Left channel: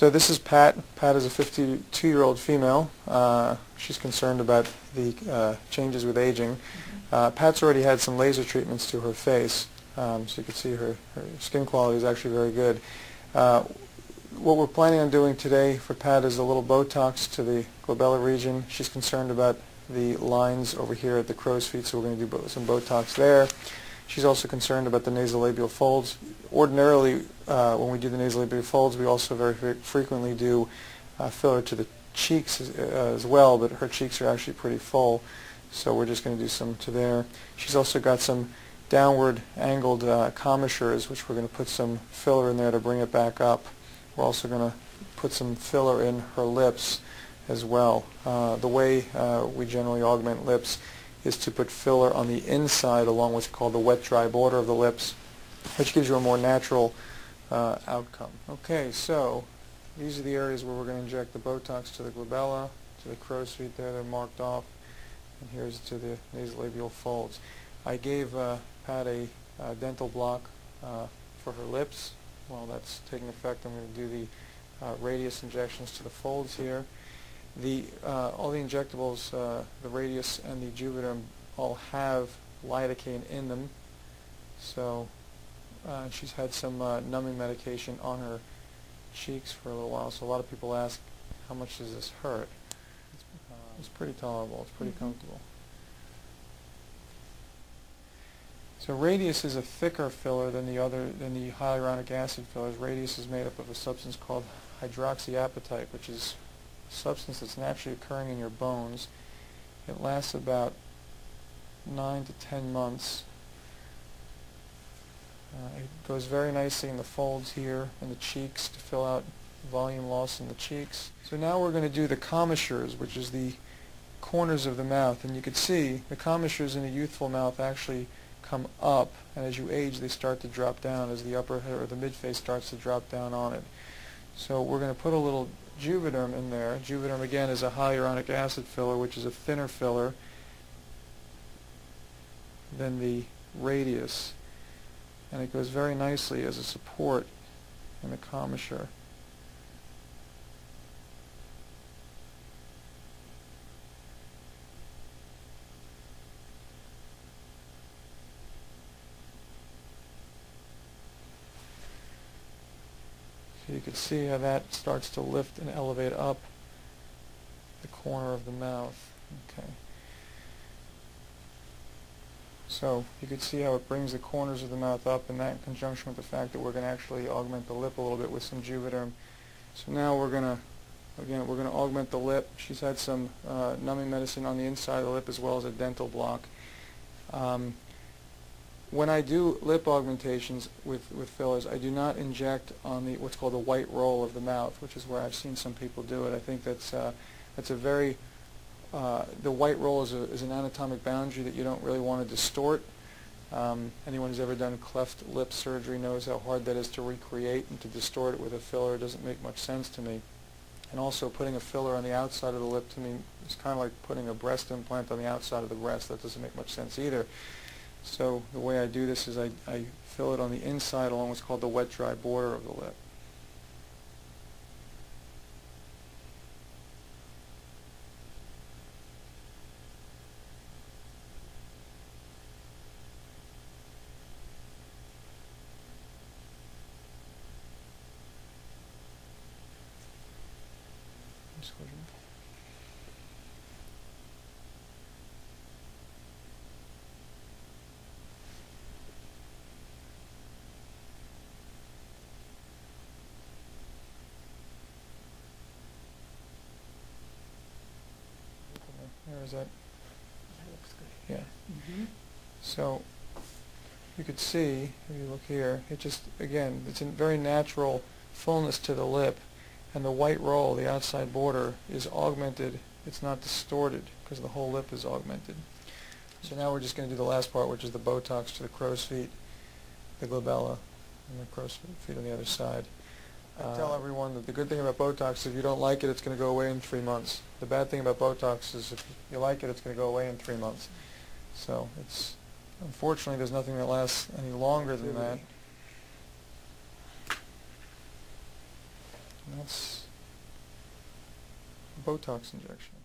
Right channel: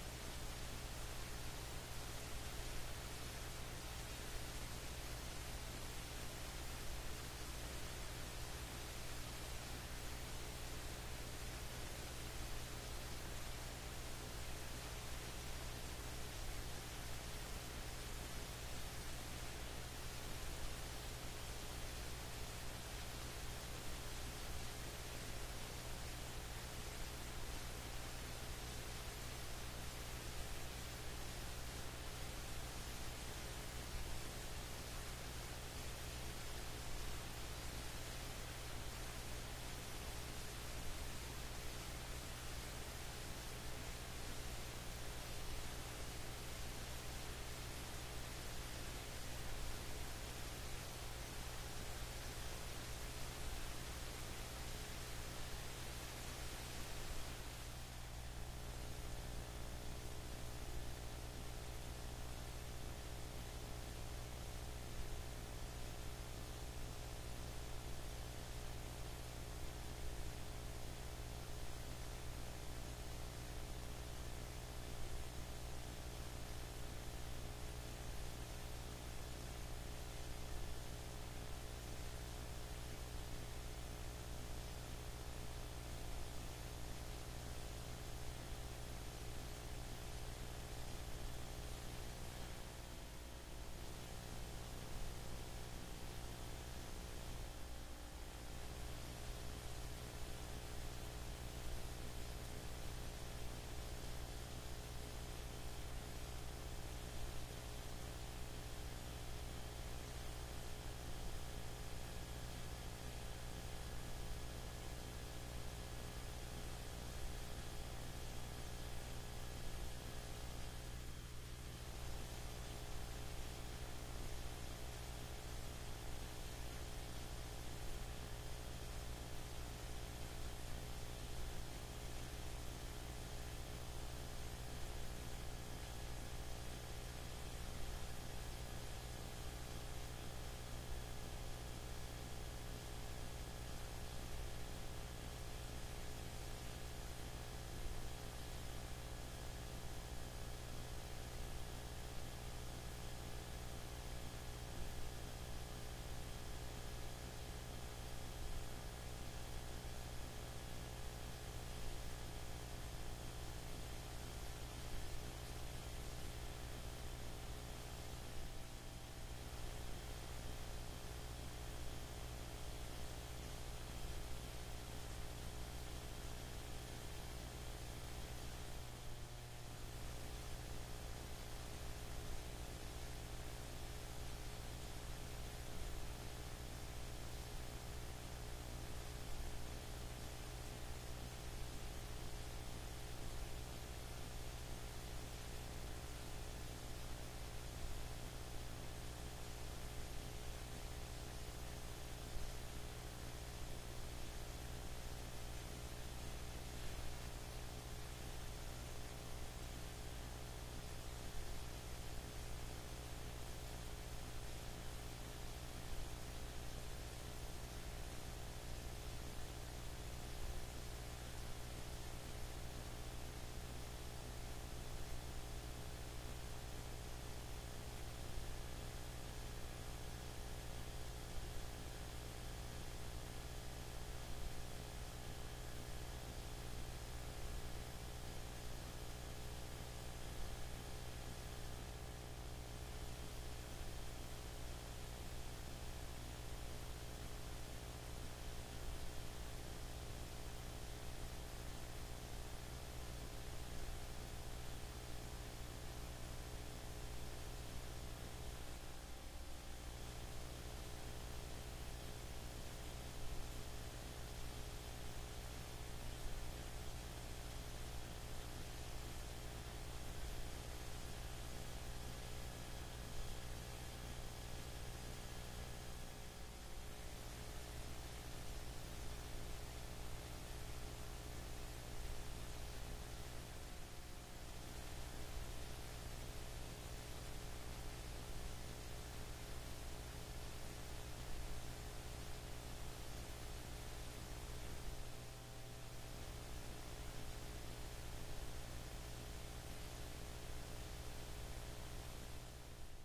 So this is Pat. Pat is a 52-year-old female. She's concerned about the changes with aging. Pat's already had some laser treatments to her face, so you can see her skin quality is actually very good. What we're planning on doing today for Pat is a little Botox to the glabella region. She's concerned about the lines over here at the crow's feet, so we're going to do some Botox there. She's also concerned about the nasolabial folds. Ordinarily, when we do the nasolabial folds, we also very frequently do filler to the cheeks as well, but her cheeks are actually pretty full, so we're just going to do some to there. She's also got some downward angled commissures, which we're going to put some filler in there to bring it back up. We're also going to put some filler in her lips as well. The way we generally augment lips is to put filler on the inside along what's called the wet-dry border of the lips, which gives you a more natural outcome. Okay, so these are the areas where we're going to inject the Botox to the glabella, to the crow's feet there, they're marked off, and here's to the nasolabial folds. I gave Pat a dental block for her lips. While that's taking effect, I'm going to do the radius injections to the folds here. All the injectables, the radius and the Juvederm, all have lidocaine in them. So she's had some numbing medication on her cheeks for a little while. So a lot of people ask, how much does this hurt? It's pretty tolerable. It's pretty comfortable. So radius is a thicker filler than the hyaluronic acid fillers. Radius is made up of a substance called hydroxyapatite, which is a substance that's naturally occurring in your bones. It lasts about 9 to 10 months. It goes very nicely in the folds here in the cheeks to fill out volume loss in the cheeks. So now we're going to do the commissures, which is the corners of the mouth. And you can see the commissures in a youthful mouth actually come up, and as you age they start to drop down as the upper or the midface starts to drop down on it. So we're going to put a little Juvederm in there. Juvederm again is a hyaluronic acid filler, which is a thinner filler than the radius, and it goes very nicely as a support in the commissure. You can see how that starts to lift and elevate up the corner of the mouth. Okay. So you can see how it brings the corners of the mouth up, and that in conjunction with the fact that we're going to actually augment the lip a little bit with some Juvederm. So now we're going to augment the lip. She's had some numbing medicine on the inside of the lip as well as a dental block. When I do lip augmentations with fillers, I do not inject on what's called the white roll of the mouth, which is where I've seen some people do it. I think that's a very the white roll is an anatomic boundary that you don't really want to distort. Anyone who's ever done cleft lip surgery knows how hard that is to recreate, and to distort it with a filler doesn't make much sense to me. And also putting a filler on the outside of the lip to me is kind of like putting a breast implant on the outside of the breast. That doesn't make much sense either. So the way I do this is I fill it on the inside along what's called the wet-dry border of the lip. That? Yeah. So you could see, if you look here, it just, again, it's a very natural fullness to the lip, and the white roll, the outside border, is augmented. It's not distorted because the whole lip is augmented. So now we're just going to do the last part, which is the Botox to the crow's feet, the glabella, and the crow's feet on the other side. I tell everyone that the good thing about Botox is if you don't like it, it's going to go away in 3 months. The bad thing about Botox is if you like it, it's going to go away in 3 months. So it's, unfortunately, there's nothing that lasts any longer than that. And that's Pat's Botox injection.